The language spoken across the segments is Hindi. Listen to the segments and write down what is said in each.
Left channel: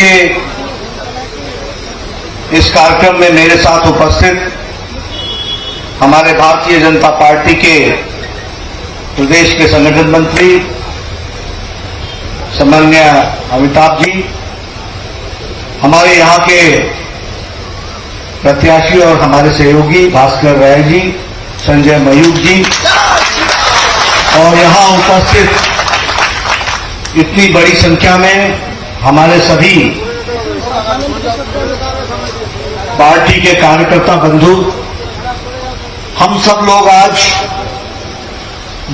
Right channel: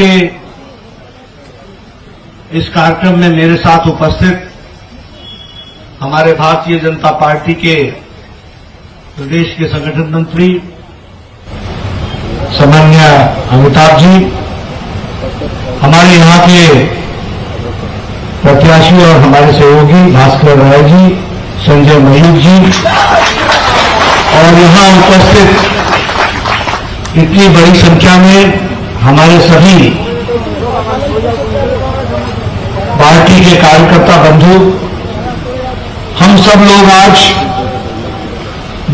के इस कार्यक्रम में मेरे साथ उपस्थित हमारे भारतीय जनता पार्टी के प्रदेश के संगठन मंत्री सम्माननीय अमिताभ जी, हमारे यहाँ के प्रत्याशी और हमारे सहयोगी भास्कर राय जी, संजय मयूख जी और यहाँ उपस्थित इतनी बड़ी संख्या में हमारे सभी पार्टी के कार्यकर्ता बंधु, हम सब लोग आज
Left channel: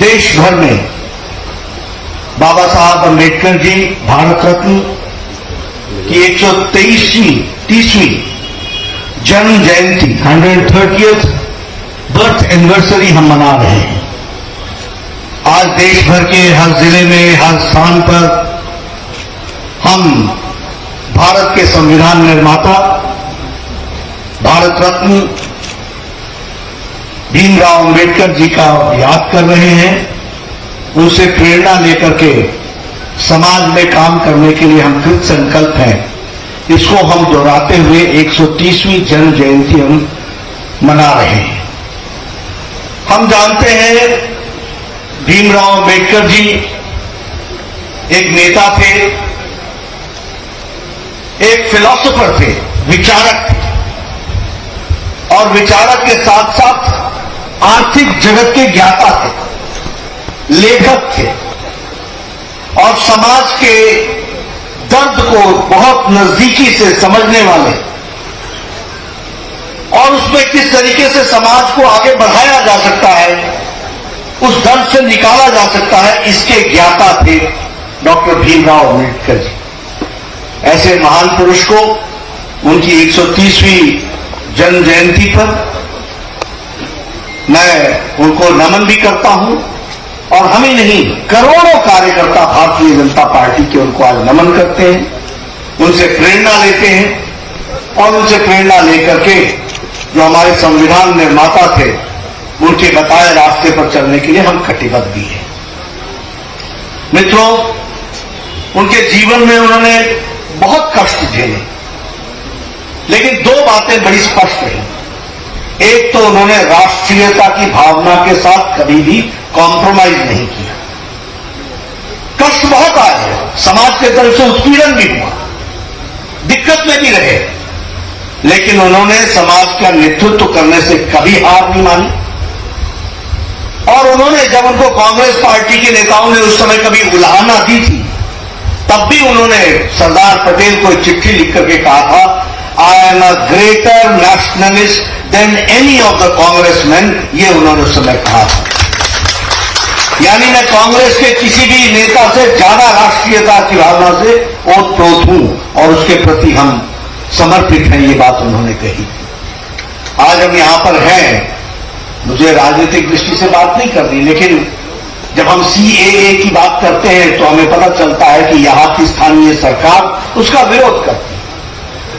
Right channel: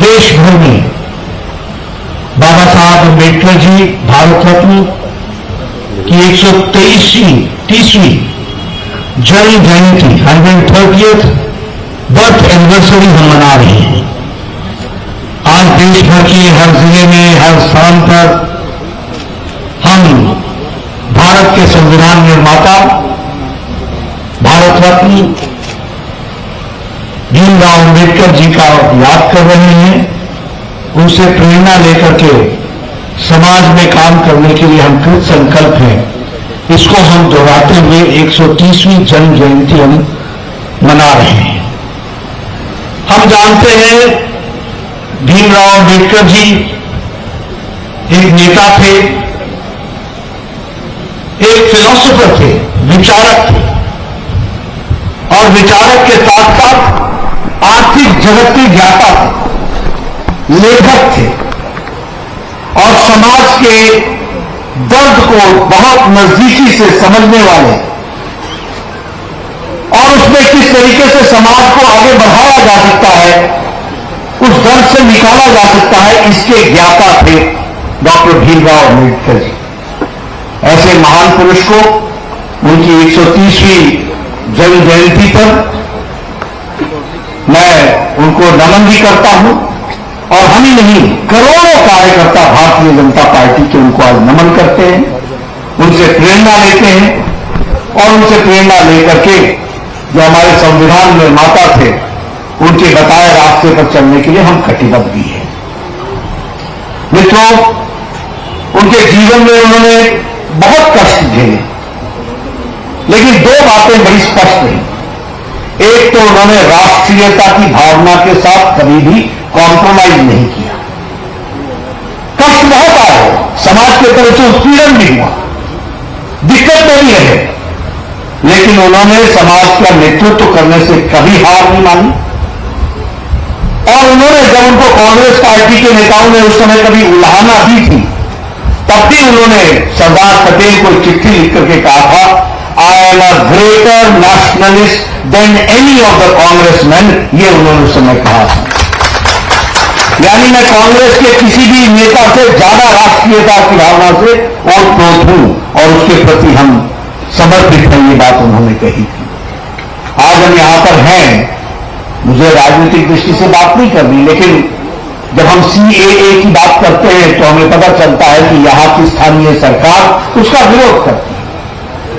देश भर में बाबा साहब अम्बेडकर जी भारत रत्न की 130वीं जन्म जयंती 130th बर्थ एनिवर्सरी हम मना रहे हैं। आज देश भर के हर जिले में, हर स्थान पर हम भारत के संविधान निर्माता भारत रत्न भीमराव अम्बेडकर जी का याद कर रहे हैं। उनसे प्रेरणा लेकर के समाज में काम करने के लिए हम कृत संकल्प हैं। इसको हम दोहराते हुए 130वीं जन्म जयंती हम मना रहे हैं। हम जानते हैं भीमराव अम्बेडकर जी एक नेता थे, एक फिलोसोफर थे, विचारक थे और विचारक के साथ साथ आर्थिक जगत के ज्ञाता थे, लेखक थे और समाज के दर्द को बहुत नजदीकी से समझने वाले और उसमें किस तरीके से समाज को आगे बढ़ाया जा सकता है, उस दर्द से निकाला जा सकता है, इसके ज्ञाता थे डॉक्टर भीमराव अम्बेडकर जी। ऐसे महान पुरुष को उनकी 130वीं जन्म जयंती पर मैं उनको नमन भी करता हूं और हम ही नहीं, करोड़ों कार्यकर्ता भारतीय जनता पार्टी के उनको आज नमन करते हैं, उनसे प्रेरणा लेते हैं और उनसे प्रेरणा लेकर के जो हमारे संविधान निर्माता थे उनके बताए रास्ते पर चलने के लिए हम कटिबद्ध भी हैं। मित्रों, उनके जीवन में उन्होंने बहुत कष्ट झेले, लेकिन दो बातें बड़ी स्पष्ट रही। एक तो उन्होंने राष्ट्रीयता की भावना के साथ कभी भी कॉम्प्रोमाइज नहीं किया। कष्ट बहुत आए, समाज के तरफ से उत्पीड़न भी हुआ, दिक्कत में भी रहे, लेकिन उन्होंने समाज का नेतृत्व करने से कभी हार नहीं मानी। और उन्होंने जब उनको कांग्रेस पार्टी के नेताओं ने उस समय कभी उल्हाना दी थी, तब भी उन्होंने सरदार पटेल को चिट्ठी लिख करके कहा था, I am a greater nationalist than any of the Congressman, ये उन्होंने उस समय कहा था। यानी मैं कांग्रेस के किसी भी नेता से ज्यादा राष्ट्रीयता की भावना से ओतप्रोत हूं और उसके प्रति हम समर्पित हैं, ये बात उन्होंने कही थी। आज हम यहां पर हैं, मुझे राजनीतिक दृष्टि से बात नहीं करनी, लेकिन जब हम CAA की बात करते हैं तो हमें पता चलता है कि यहां की स्थानीय सरकार उसका विरोध करती है।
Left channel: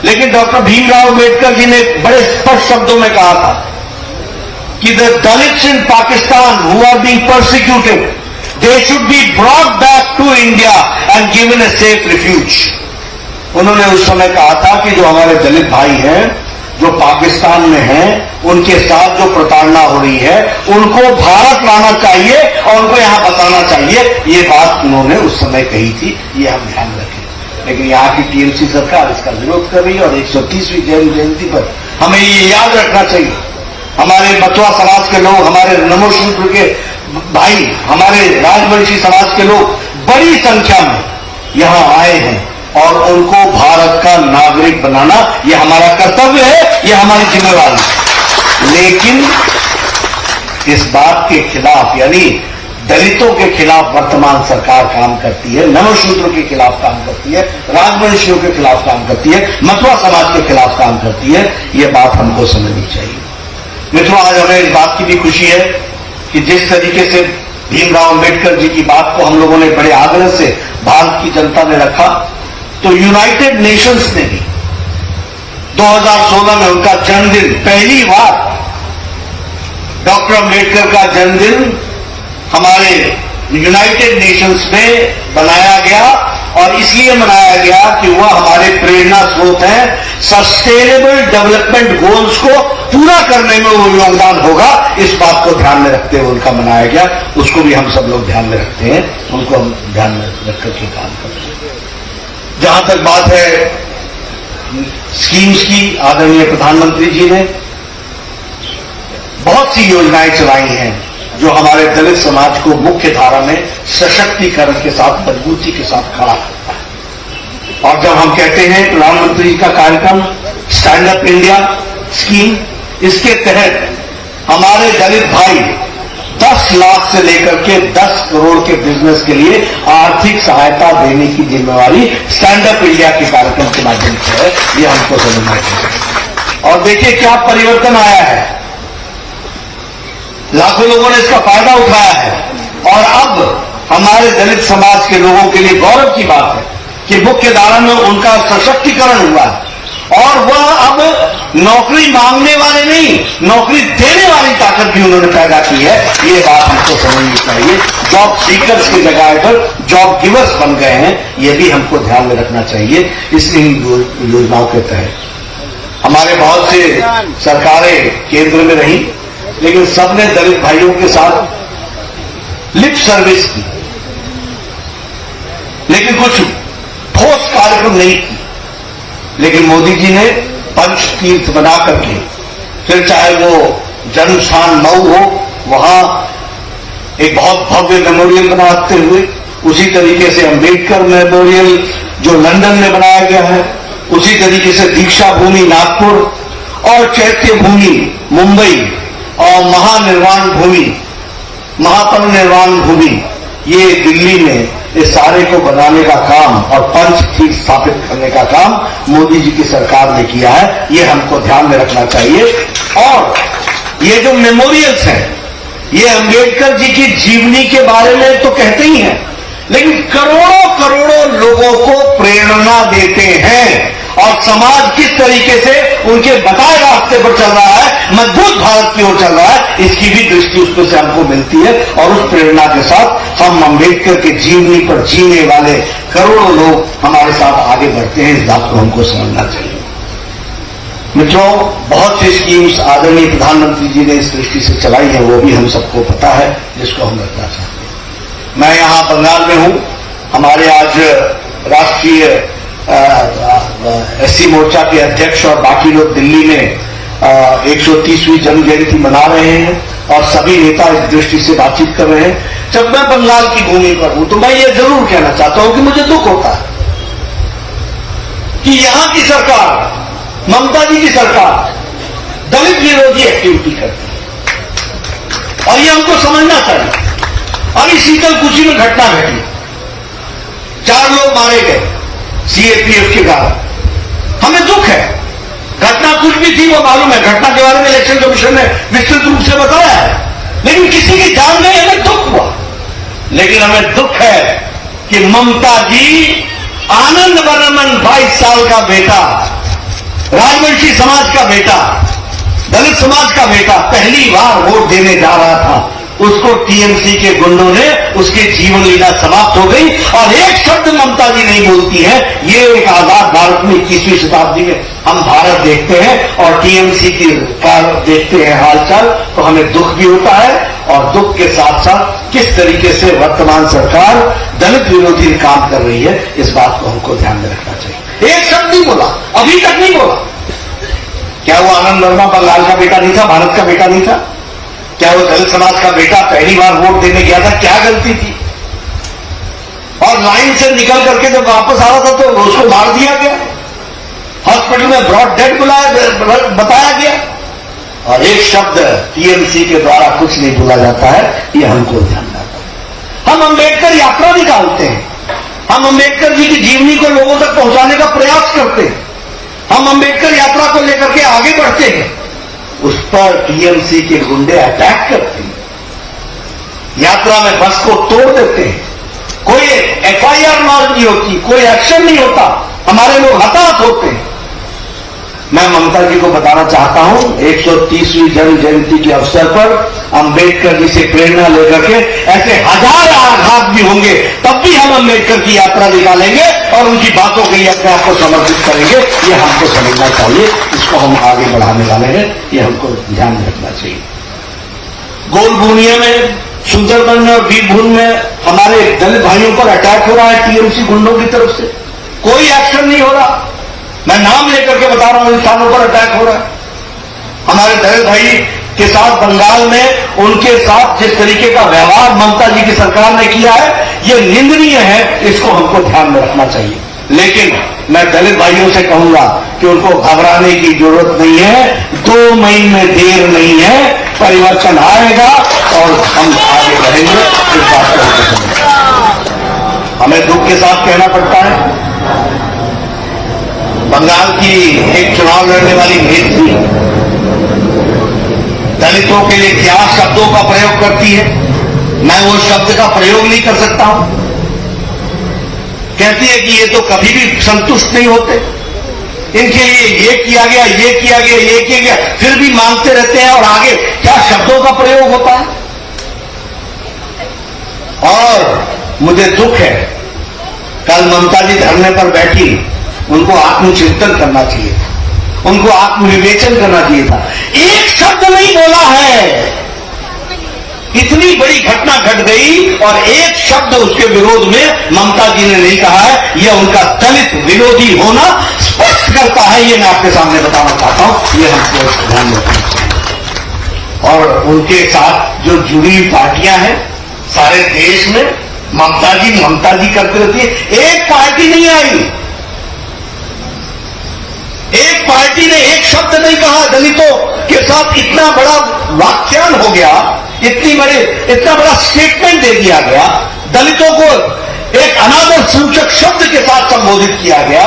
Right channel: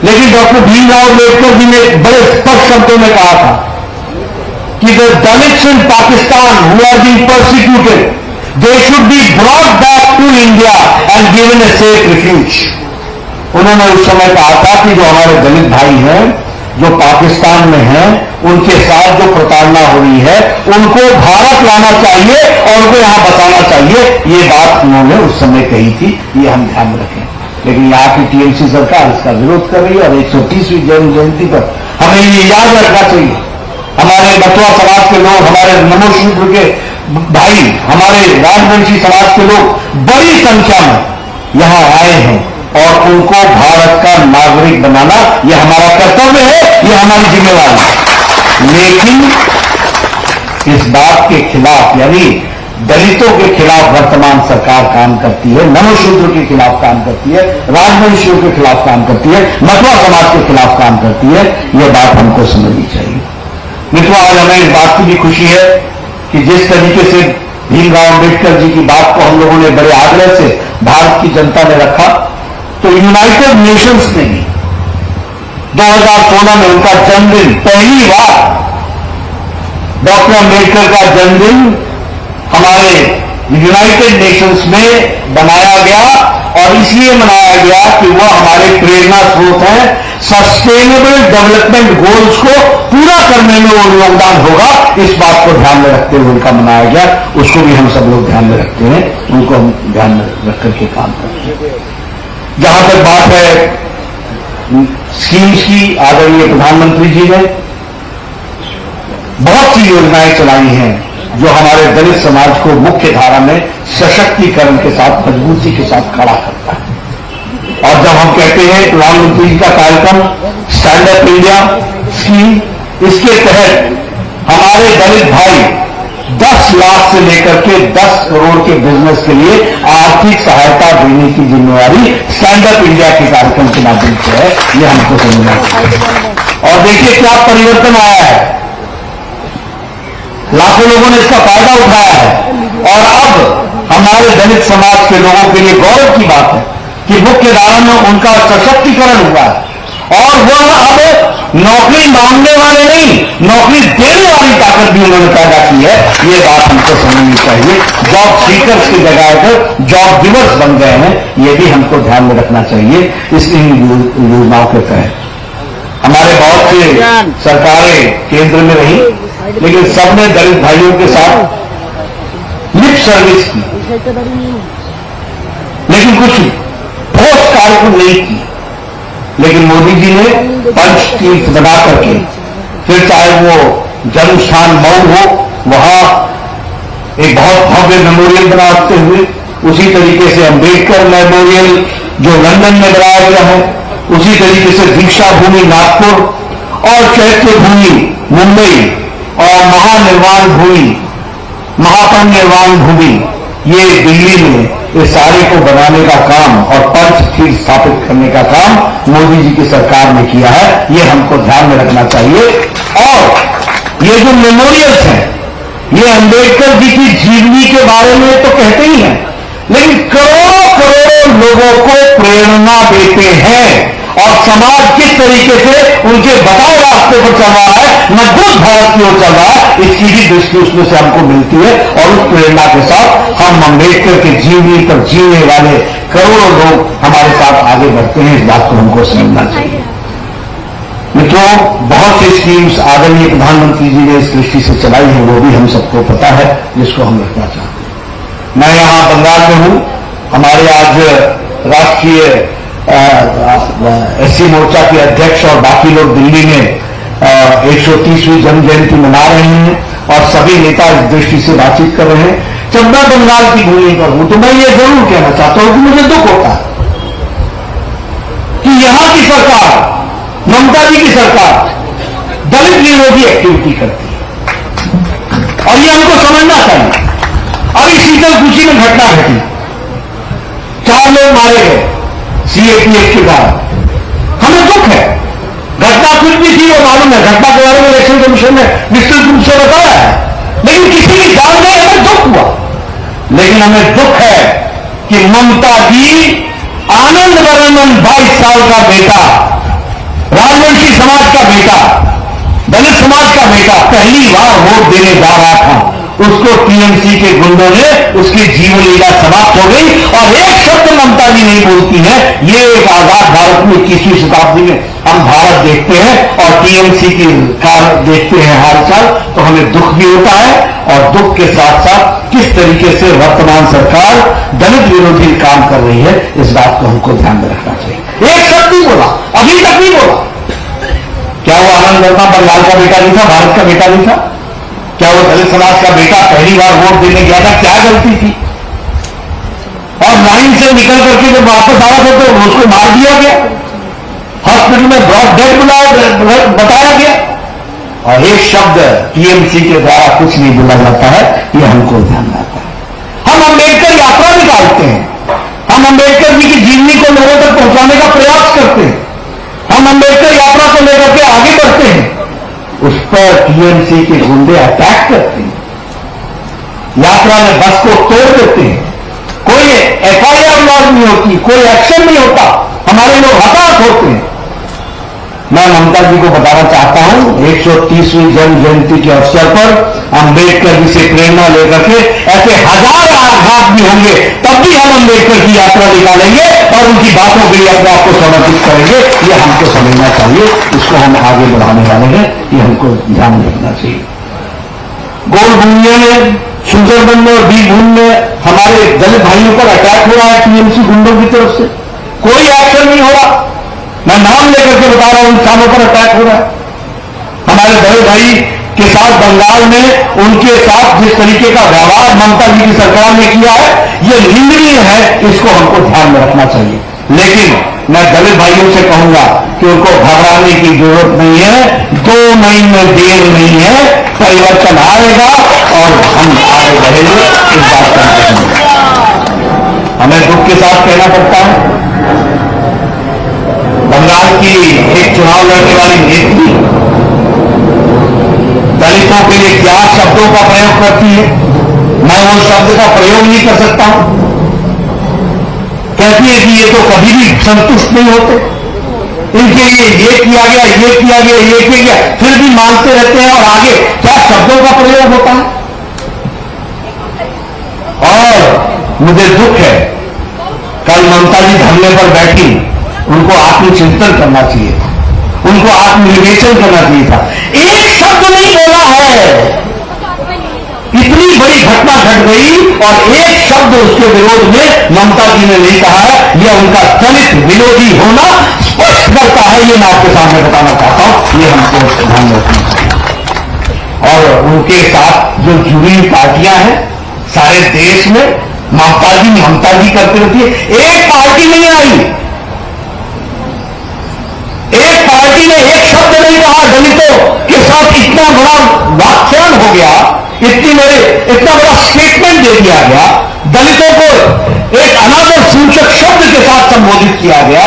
लेकिन डॉक्टर भीमराव अम्बेडकर जी ने बड़े स्पष्ट शब्दों में कहा था कि the Dalits in Pakistan who are being persecuted, they should be brought back to India and given a safe refuge. उन्होंने उस समय कहा था कि जो हमारे दलित भाई हैं, जो पाकिस्तान में हैं, उनके साथ जो प्रताड़ना हो रही है, उनको भारत लाना चाहिए और उनको यहां बसाना चाहिए। ये बात उन्होंने उस समय कही थी, ये हम ध्यान रखें। लेकिन यहाँ की TMC सरकार इसका विरोध कर रही है और 130वीं जन्म जयंती पर हमें ये याद रखना चाहिए, हमारे बटुआ समाज के लोग, हमारे नमो शूद्र के भाई, हमारे राजवंशी समाज के लोग बड़ी संख्या में यहां आए हैं और उनको भारत का नागरिक बनाना यह हमारा कर्तव्य है, यह हमारी जिम्मेवारी है। लेकिन इस बात के खिलाफ, यानी दलितों के खिलाफ वर्तमान सरकार काम करती है, नमोशूद्र के खिलाफ काम करती है, राजवंशियों के खिलाफ काम करती है, मथुरा समाज के खिलाफ काम करती है। यह बात हमको समझनी चाहिए। मित्रों, आज हमें इस बात की भी खुशी है कि जिस तरीके से भीमराव अम्बेडकर जी की बात को हम लोगों ने बड़े आग्रह से भारत की जनता ने रखा, तो यूनाइटेड नेशंस ने भी 2016 में उनका जन्मदिन, पहली बार डॉक्टर अम्बेडकर का जन्मदिन हमारे यूनाइटेड नेशंस में बनाया गया और इसलिए मनाया गया कि वह हमारे प्रेरणा स्रोत हैं। सस्टेनेबल डेवलपमेंट गोल्स को पूरा करने में वो योगदान होगा, इस बात को ध्यान में रखते हुए उनका मनाया गया। उसको भी हम सब लोग ध्यान में रखते हैं, उनको हम ध्यान में रख करके काम करते हैं। जहां तक बात है स्कीम्स की, आदरणीय प्रधानमंत्री जी ने बहुत सी योजनाएं चलाई हैं जो हमारे दलित समाज को मुख्य धारा में सशक्तिकरण के साथ, मजबूती के साथ खड़ा करता है। और जब हम कहते हैं प्रधानमंत्री जी का कार्यक्रम स्टैंड अप इंडिया स्कीम, इसके तहत हमारे दलित भाई 10 लाख से लेकर के 10 करोड़ के बिजनेस के लिए आर्थिक सहायता देने की जिम्मेवारी स्टैंड अप इंडिया के कार्यक्रम के माध्यम से है। यह हमको समझना चाहिए। और देखिए क्या परिवर्तन आया है, लाखों लोगों ने इसका फायदा उठाया है। और अब हमारे दलित समाज के लोगों के लिए गौरव की बात है कि मुख्य धारा में उनका सशक्तिकरण हुआ है और वह अब नौकरी मांगने वाले नहीं, नौकरी देने वाली ताकत भी उन्होंने पैदा की है। ये बात हमको समझनी चाहिए। जॉब सीकर्स की जगह पर जॉब गिवर्स बन गए हैं, ये भी हमको ध्यान में रखना चाहिए। इस योजनाओं के तहत हमारे बहुत से सरकारें केंद्र में रही, लेकिन सबने दलित भाइयों के साथ लिप सर्विस की, लेकिन कुछ ठोस कार्य को नहीं की। लेकिन मोदी जी ने पंच तीर्थ बना करके, फिर चाहे वो जन्म स्थान मऊ हो, वहां एक बहुत भव्य मेमोरियल बनाते हुए, उसी तरीके से अंबेडकर मेमोरियल जो लंदन में बनाया गया है, उसी तरीके से दीक्षा भूमि नागपुर और चैत्य भूमि मुंबई और महानिर्वाण भूमि, महापरिनिर्वाण भूमि ये दिल्ली में, इस सारे को बनाने का काम और पंच तीर्थ स्थापित करने का काम मोदी जी की सरकार ने किया है। ये हमको ध्यान में रखना चाहिए। और ये जो मेमोरियल्स हैं, ये अंबेडकर जी की जीवनी के बारे में तो कहते ही हैं, लेकिन करोड़ों करोड़ों लोगों को प्रेरणा देते हैं और समाज किस तरीके से उनके बताए रास्ते पर चल रहा है, मजबूत भारत की ओर चल रहा है, इसकी भी दृष्टि उसमें से हमको मिलती है। और उस प्रेरणा के साथ हम अम्बेडकर के जीवनी पर जीने वाले करोड़ों लोग हमारे साथ आगे बढ़ते हैं। इस बात को हमको समझना चाहिए। मित्रों, बहुत सी स्कीम्स आदरणीय प्रधानमंत्री जी ने इस दृष्टि से चलाई है, वो भी हम सबको पता है, जिसको हम रखना चाहते हैं। मैं यहां बंगाल में हूं। हमारे आज राष्ट्रीय एससी मोर्चा के अध्यक्ष और बाकी लोग दिल्ली में 130वीं जन्म जयंती मना रहे हैं और सभी नेता इस दृष्टि से बातचीत कर रहे हैं। जब मैं बंगाल की भूमि पर हूं तो मैं ये जरूर कहना चाहता हूं कि मुझे दुख होता है कि यहां की सरकार, ममता जी की सरकार, दलित विरोधी एक्टिविटी करती है और ये हमको समझना चाहिए। अभी शीतलकुची में घटना घटी, 4 लोग मारे गए सीएपीएफ के कारण। हमें दुख है, घटना कुछ भी थी वो मालूम है, घटना के बारे में इलेक्शन कमीशन ने विस्तृत रूप से बताया है, लेकिन किसी की जान गई, हमें दुख हुआ। लेकिन हमें दुख है कि ममता जी, आनंद बर्मन 22 साल का बेटा, राजवंशी समाज का बेटा, दलित समाज का बेटा, पहली बार वोट देने जा रहा था, उसको टीएमसी के गुंडों ने, उसकी जीवन लीला समाप्त हो गई और एक शब्द ममता जी नहीं बोलती है। ये एक आजाद भारत में 21वीं शताब्दी में हम भारत देखते हैं और टीएमसी की कार देखते हैं हालचाल, तो हमें दुख भी होता है। और दुख के साथ साथ किस तरीके से वर्तमान सरकार दलित विरोधी काम कर रही है, इस बात को हमको ध्यान में रखना चाहिए। एक शब्द नहीं बोला, अभी तक नहीं बोला। क्या वो आनंद वर्मा बंगाल का बेटा नहीं था, भारत का बेटा नहीं था? क्या वो दलित समाज का बेटा पहली बार वोट देने गया था? क्या गलती थी? और लाइन से निकल करके जब वापस आ रहा था तो उसको मार दिया गया, हॉस्पिटल में ब्रॉड डेड बताया गया और एक शब्द टीएमसी के द्वारा कुछ नहीं बोला जाता है। ये हमको ध्यान रखना है। हम अंबेडकर यात्रा निकालते हैं, हम अंबेडकर जी की जीवनी को लोगों तक पहुंचाने का प्रयास करते हैं, हम अंबेडकर यात्रा को लेकर के आगे बढ़ते हैं, उस पर टीएमसी के गुंडे अटैक करते हैं, यात्रा में बस को तोड़ देते हैं, कोई एफआईआर लॉन्च नहीं होती, कोई एक्शन नहीं होता, हमारे लोग हताहत होते हैं। मैं ममता जी को बताना चाहता हूं, 130वीं जन्म जयंती के अवसर पर अंबेडकर जी से प्रेरणा लेकर के ऐसे हजार आघात भी होंगे, तब भी हम अम्बेडकर की यात्रा निकालेंगे और उनकी बातों के लिए अपने आप को समर्पित करेंगे। ये हमको समझना चाहिए, इसको हम आगे बढ़ाने वाले हैं, ये हमको ध्यान रखना चाहिए। गोलभूमिया में, सुंदरबन में और बीरभूम में हमारे दलित भाइयों पर अटैक हो रहा है टीएमसी गुंडों की तरफ से, कोई एक्शन नहीं हो रहा। मैं नाम लेकर के बता रहा हूं, स्थानों पर अटैक हो रहा है। हमारे दलित भाई के साथ बंगाल में उनके साथ जिस तरीके का व्यवहार ममता जी की सरकार ने किया है, यह निंदनीय है, इसको हमको ध्यान में रखना चाहिए। लेकिन मैं दलित भाइयों से कहूंगा कि उनको घबराने की जरूरत नहीं है, 2 महीने में देर नहीं है, परिवर्तन आएगा और हम आगे बढ़ेंगे। इस बात को हमें दुख के साथ कहना पड़ता है, बंगाल की एक चुनाव लड़ने वाली नेत्री दलितों के लिए क्या शब्दों का प्रयोग करती है, मैं वो शब्द का प्रयोग नहीं कर सकता हूं। कहती है कि ये तो कभी भी संतुष्ट नहीं होते, इनके लिए ये किया गया, ये किया गया, ये किया गया, फिर भी मांगते रहते हैं और आगे क्या शब्दों का प्रयोग होता है। और मुझे दुख है, कल ममता जी धरने पर बैठी, उनको आत्मचिंतन करना चाहिए था, उनको आत्मविवेचन करना चाहिए था। एक शब्द नहीं बोला है, इतनी बड़ी घटना घट गई और एक शब्द उसके विरोध में ममता जी ने नहीं कहा है। यह उनका दलित विरोधी होना स्पष्ट करता है, ये मैं आपके सामने बताना चाहता हूं, ये हमको ध्यान रखना चाहिए। और उनके साथ जो जुड़ी हुई पार्टियां हैं सारे देश में, ममता जी करती रहती है। एक पार्टी नहीं आई, एक पार्टी ने एक शब्द नहीं कहा। दलितों के साथ इतना बड़ा व्याख्यान हो गया, इतना बड़ा स्टेटमेंट दे दिया गया, दलितों को एक अनादर सूचक शब्द के साथ संबोधित किया गया।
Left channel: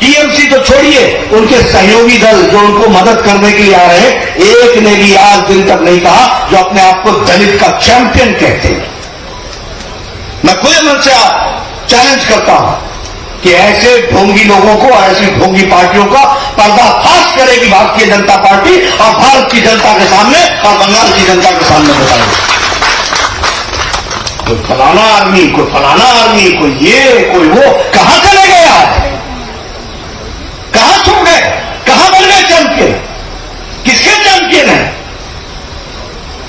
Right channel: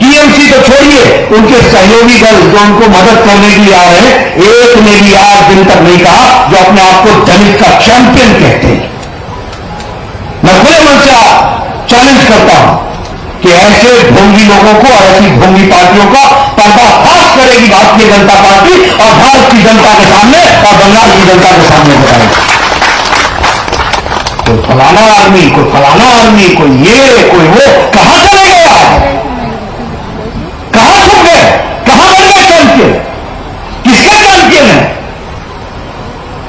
टीएमसी तो छोड़िए, उनके सहयोगी दल जो उनको मदद करने के लिए आ रहे हैं, एक ने भी आज दिन तक नहीं कहा, जो अपने आप को दलित का चैंपियन कहते हैं। मैं खुले मन से चैलेंज करता हूं कि ऐसे ढोंगी लोगों को और ऐसी ढोंगी पार्टियों का पर्दाफाश करेगी भारतीय जनता पार्टी और भारत की जनता के सामने और बंगाल की जनता के सामने बताएगी। कोई फलाना आर्मी, कोई फलाना आर्मी, कोई ये, कोई वो, कहां चले गए आज? कहां छुप गए? कहां बन गए चैंपियन? किसके चैंपियन है?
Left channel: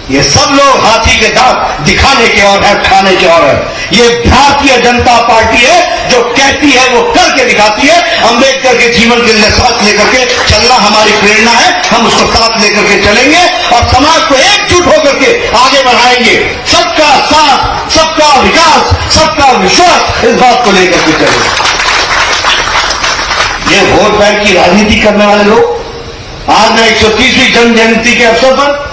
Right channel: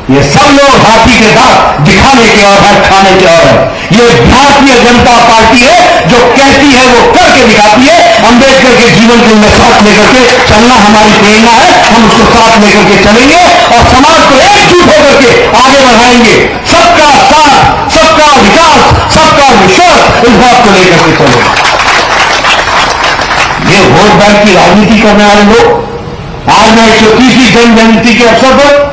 ये सब लोग हाथी के दांत दिखाने के और है, खाने के और है। ये भारतीय जनता पार्टी है जो कहती है वो करके दिखाती है। अंबेडकर के जीवन के साथ लेकर के चलना हमारी प्रेरणा है, हम उसको साथ लेकर के चलेंगे और समाज को एकजुट होकर के आगे बढ़ाएंगे। सबका साथ, सबका विकास, सबका विश्वास, इस बात को लेकर के चलेंगे। ये वोट बैंक की राजनीति करने वाले लोग आज मैं 130वीं जन्म जयंती के अवसर पर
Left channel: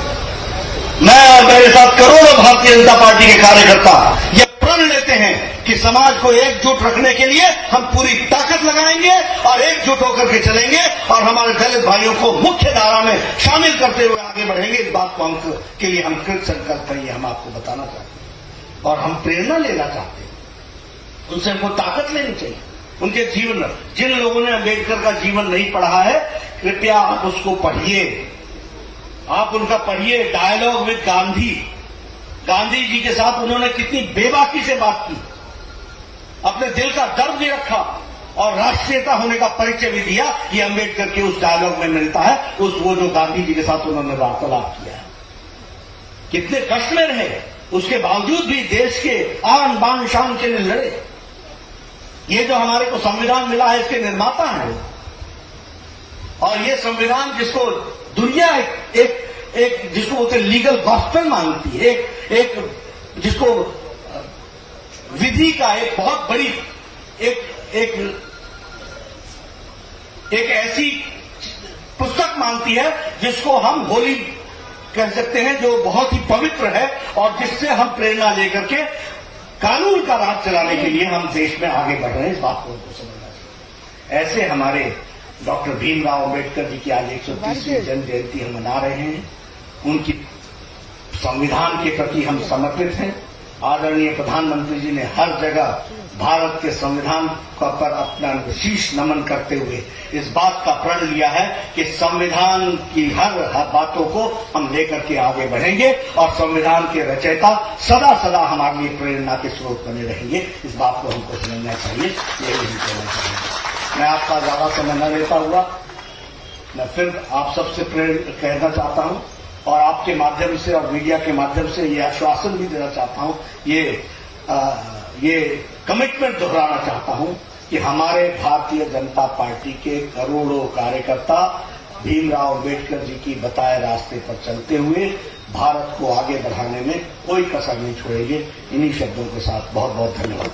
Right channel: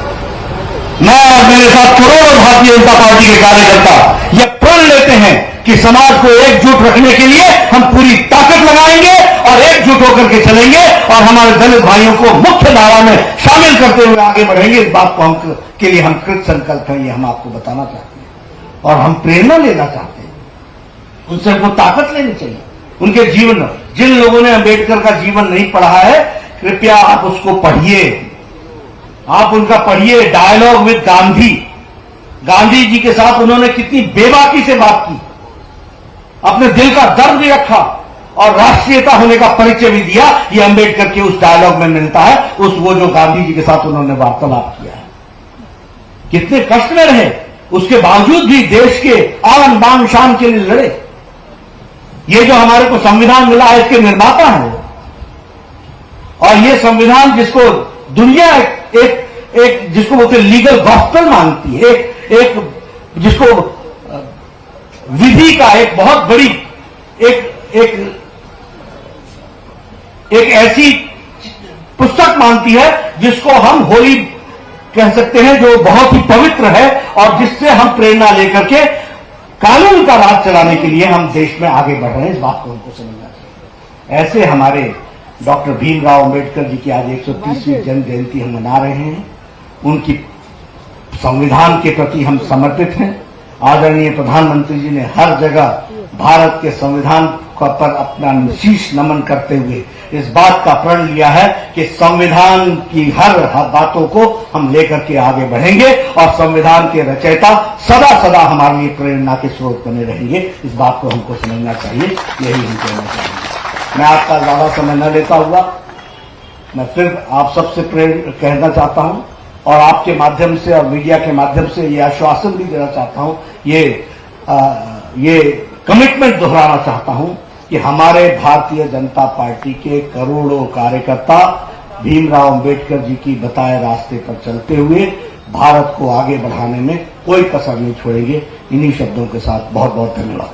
मैं और मेरे साथ करोड़ों भारतीय जनता पार्टी के कार्यकर्ता यह प्रण लेते हैं कि समाज को एकजुट रखने के लिए हम पूरी ताकत लगाएंगे और एकजुट होकर के चलेंगे और हमारे दलित भाइयों को मुख्य धारा में शामिल करते हुए आगे बढ़ेंगे। इस बात को के लिए हम कृत संकल्प हैं, ये हम आपको बताना चाहते हैं और हम प्रेरणा लेना चाहते हैं। उनसे हमको ताकत लेनी चाहिए। उनके जीवन, जिन लोगों ने अंबेडकर का जीवन नहीं पढ़ा है, कृपया आप उसको पढ़िए, आप उनका पढ़िए। डायलॉग विद गांधी, गांधी जी के साथ उन्होंने कितनी बेबाकी से बात की, अपने दिल का दर्द भी रखा और राष्ट्रीयता होने का परिचय भी दिया। ये अंबेडकर के उस डायलॉग में मिलता है, वो जो गांधी जी के साथ उन्होंने वार्तालाप किया है। कितने कष्ट में रहे, उसके बावजूद भी देश के आन बान शान के लिए लड़े। ये जो हमारे को संविधान मिला है, इसके निर्माता हैं और ये संविधान जिसको दुनिया एक जिसको बोलते लीगल गॉस्पेल मानती है, एक जिसको विधि का एक बहुत बड़ी एक ऐसी पुस्तक मानती है जिसको हम होली कह सकते हैं, जो बहुत ही पवित्र है और जिससे हम प्रेरणा लेकर के कानून का राज चलाने के लिए हम देश में आगे बढ़ रहे हैं। इस बात को उनको समझना चाहिए। ऐसे हमारे डॉक्टर भीमराव अंबेडकर जी की आज 130वीं जन्म जयंती हम मना रहे हैं। उनकी संविधान के प्रति हम समर्पित हैं। आदरणीय प्रधानमंत्री जी ने हर जगह भारत के संविधान पर अपना शीश नमन करते हुए इस बात का प्रण लिया है कि संविधान की हर बातों को हम लेकर के आगे बढ़ेंगे और संविधान के रचयिता सदा सदा हमारे लिए प्रेरणा के स्रोत बने रहेंगे। इस बात को हमको समझना चाहिए, यही हम कहना चाहिए। मैं आपका ज्यादा समय न लेता हुआ मैं फिर आप सबसे कहना चाहता हूं और आपके माध्यम से और मीडिया के माध्यम से ये आश्वासन भी देना चाहता हूं, ये कमिटमेंट दोहराना चाहता हूं कि हमारे भारतीय जनता पार्टी के करोड़ों कार्यकर्ता भीमराव अंबेडकर जी की बताए रास्ते पर चलते हुए भारत को आगे बढ़ाने में कोई कसर नहीं छोड़ेंगे। इन्हीं शब्दों के साथ बहुत बहुत धन्यवाद।